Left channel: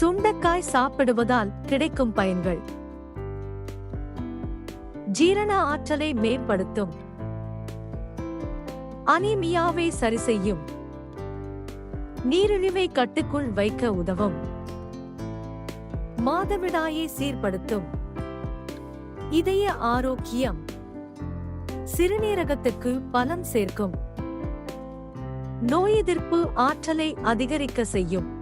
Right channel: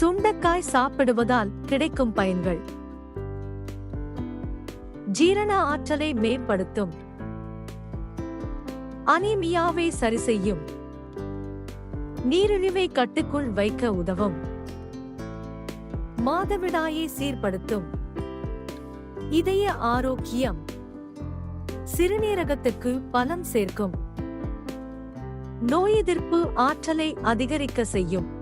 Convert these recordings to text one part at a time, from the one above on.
சுண்டக்காய் சாப்பிடுவதால் கிடைக்கும் பயன்கள். ஜீரண ஆற்றலை மேம்படுத்தும். அனிமியாவை சரி செய்யும் நீரிழிவை கட்டுக்குள் வைக்க உதவும். மாதவிடாயை சீர்படுத்தும். இதய ஆரோக்கியம். சிறுநீரகத்துக்கு பலம் சேர்க்கும். நோய் எதிர்ப்பு ஆற்றலை அதிகரிக்க செய்யும்.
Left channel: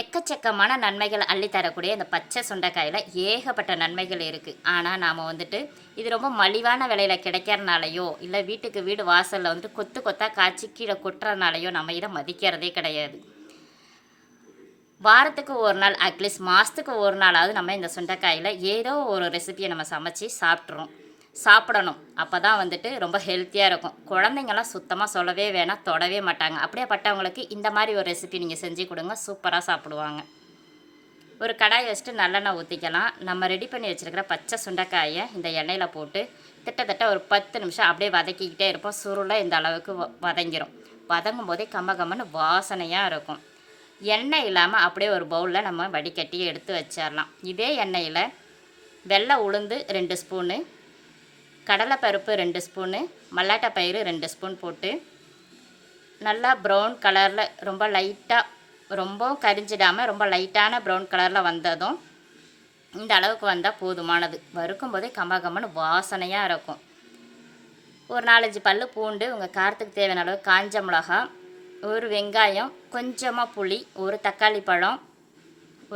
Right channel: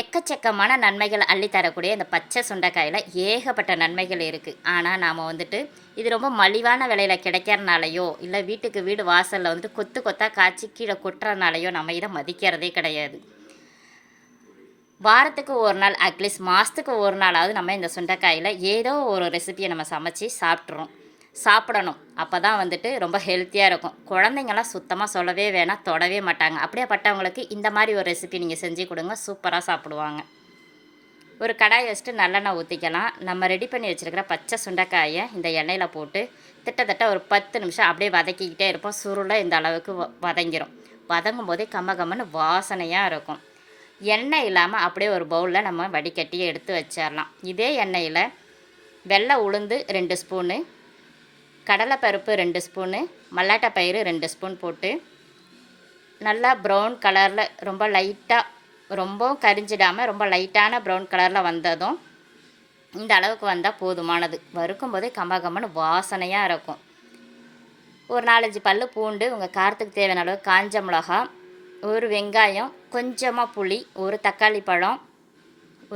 எக்கச்சக்கமான நன்மைகள் அள்ளி தரக்கூடிய இந்த பச்சை சுண்டைக்காயில் ஏகப்பட்ட நன்மைகள் இருக்குது ஆனால் நாம் வந்துட்டு இது ரொம்ப மலிவான விலையில் கிடைக்கிறனாலையோ இல்லை வீட்டுக்கு வீடு வாசலில் வந்து கொத்து கொத்தாக காய்ச்சி கீழே கொட்டுறதுனாலையோ நம்ம இதை மதிக்கிறதே கிடையாது. வாரத்துக்கு ஒரு நாள் அட்லீஸ்ட் மாதத்துக்கு ஒரு நாளாவது நம்ம இந்த சுண்டைக்காயில் ஏதோ ஒரு ரெசிபியை நம்ம சமைச்சு சாப்பிட்றோம் சாப்பிடணும். அப்போ தான் வந்துட்டு ரொம்ப ஹெல்த்தியாக இருக்கும். குழந்தைங்கலாம் சுத்தமாக சொல்லவே வேணாம் தொடவே மாட்டாங்க. அப்படியே பட்டவங்களுக்கு இந்த மாதிரி ஒரு ரெசிபி நீங்கள் செஞ்சு கொடுங்க சூப்பராக சாப்பிடுவாங்க. ஒரு கடாயை வச்சுட்டு நல்லெண்ணெய் ஊற்றிக்கலாம் நம்ம ரெடி பண்ணி வச்சுருக்கிற பச்சை சுண்டைக்காயை இந்த எண்ணெயில் போட்டு கிட்டத்தட்ட ஒரு பத்து நிமிஷம் அப்படியே வதக்கிக்கிட்டே இருப்போம். சுருளை இந்த அளவுக்கு வ- வதங்கிரும். வதங்கும் போதே கம்ம கம்மன்னு வாசனையாக இருக்கும். எண்ணெய் இல்லாமல் அப்படியே ஒரு பவுலில் நம்ம வடிகட்டி எடுத்து வச்சிடலாம் இதே எண்ணெயில் வெள்ளை உளுந்து ரெண்டு ஸ்பூனு கடலைப்பருப்பு ரெண்டு ஸ்பூனு மல்லாட்டை பயிறு ரெண்டு ஸ்பூன் போட்டு நல்லா ப்ரௌன் கலரில் ரொம்ப லைட்டாக ரொம்பவும் கரிஞ்சிடாமல் ரொம்ப லைட்டான ப்ரௌன் கலரில் வந்ததும் இந்த அளவுக்கு வந்தால் போதுமானது. வறுக்கும் போதே கம்மகம்மன்னு வாசனையாக இருக்கும். ஒரு நாலஞ்சு பல் பூண்டு உங்கள் காரத்துக்கு தேவையான அளவு காஞ்ச மிளகா ஒரு வெங்காயம் கொஞ்சமாக புளி ஒரு தக்காளி பழம்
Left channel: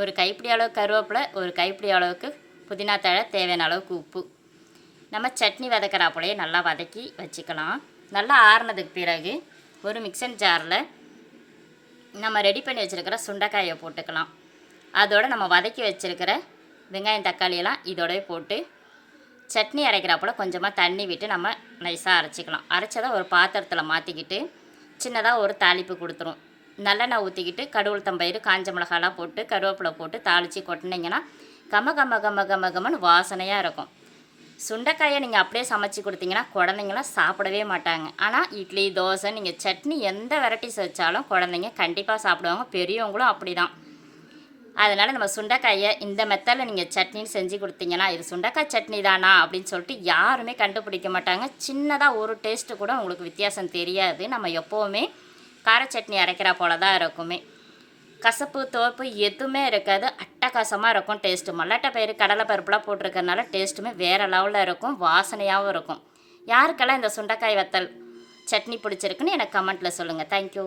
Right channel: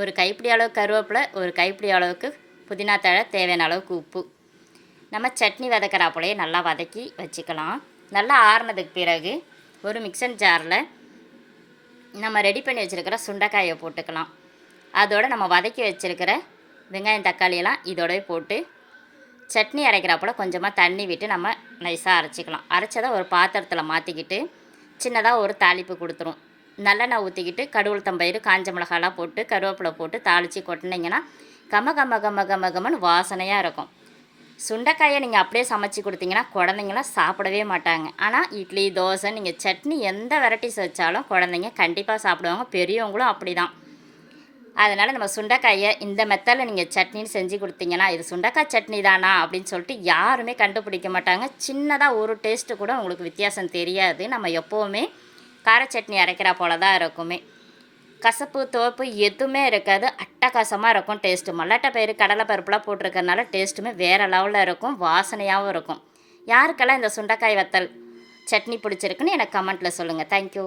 ஒரு கைப்பிடி அளவு கருவேப்பிலை ஒரு கைப்பிடி அளவுக்கு புதினா தழை தேவையான அளவுக்கு உப்பு. நம்ம சட்னி வதக்கிறாப்புலையே நல்லா வதக்கி வச்சுக்கலாம். நல்லா ஆறுனதுக்கு பிறகு ஒரு மிக்சர் ஜாரில் நம்ம ரெடி பண்ணி வச்சுருக்கிற சுண்டைக்காயை போட்டுக்கலாம். அதோடு நம்ம வதக்கி வச்சுருக்கிற வெங்காயம் தக்காளியெல்லாம் இதோடவே போட்டு சட்னி அரைக்கிறாப்புல கொஞ்சமாக தண்ணி விட்டு நம்ம நைஸாக அரைச்சிக்கலாம். அரைச்சதை ஒரு பாத்திரத்தில் மாற்றிக்கிட்டு சின்னதாக ஒரு தாளிப்பு கொடுத்துரும். நல்லெண்ணெய் ஊற்றிக்கிட்டு கடுவுளுத்தம்பயிறு காஞ்ச மிளகாலாம் போட்டு கருவேப்பிலை போட்டு தாளித்து கொட்டினீங்கன்னா கம கம கம கம கமன்னு வாசனையாக இருக்கும். சுண்டைக்காயை நீங்கள் அப்படியே சமைச்சு கொடுத்தீங்கன்னா குழந்தைங்களாம் சாப்பிடவே மாட்டாங்க. ஆனால் இட்லி தோசை நீங்கள் சட்னி எந்த வெரைட்டிஸ் வச்சாலும் குழந்தைங்க கண்டிப்பாக சாப்பிடுவாங்க. பெரியவங்களும் அப்படி தான் அதனால் நம்ம சுண்டைக்காயை இந்த மெத்தடில் நீங்கள் சட்னின்னு செஞ்சு கொடுத்தீங்கன்னா இது சுண்டைக்காய் சட்னி தானா அப்படின்னு சொல்லிட்டு யாருமே கண்டுபிடிக்க மாட்டாங்க. சின்னதாக ஒரு டேஸ்ட்டு கூட உங்களுக்கு வித்தியாசம் தெரியாது. நம்ம எப்போவுமே கார சட்னி அரைக்கிறா போல தான் இருக்குமே. கசப்பு துவப்பு எதுவுமே இருக்காது. அட்டகாசமாக இருக்கும் டேஸ்ட்டு மல்லாட்டை பயிறு கடலை பருப்புலாம் போட்டிருக்கறனால டேஸ்ட்டுமே வேறு லெவலில் இருக்கும் வாசனையாகவும் இருக்கும். யாருக்கெல்லாம் இந்த சுண்டைக்காய் வத்தல் சட்னி பிடிச்சிருக்குன்னு எனக்கு கமெண்ட்டில் சொல்லுங்கள் தேங்க்யூ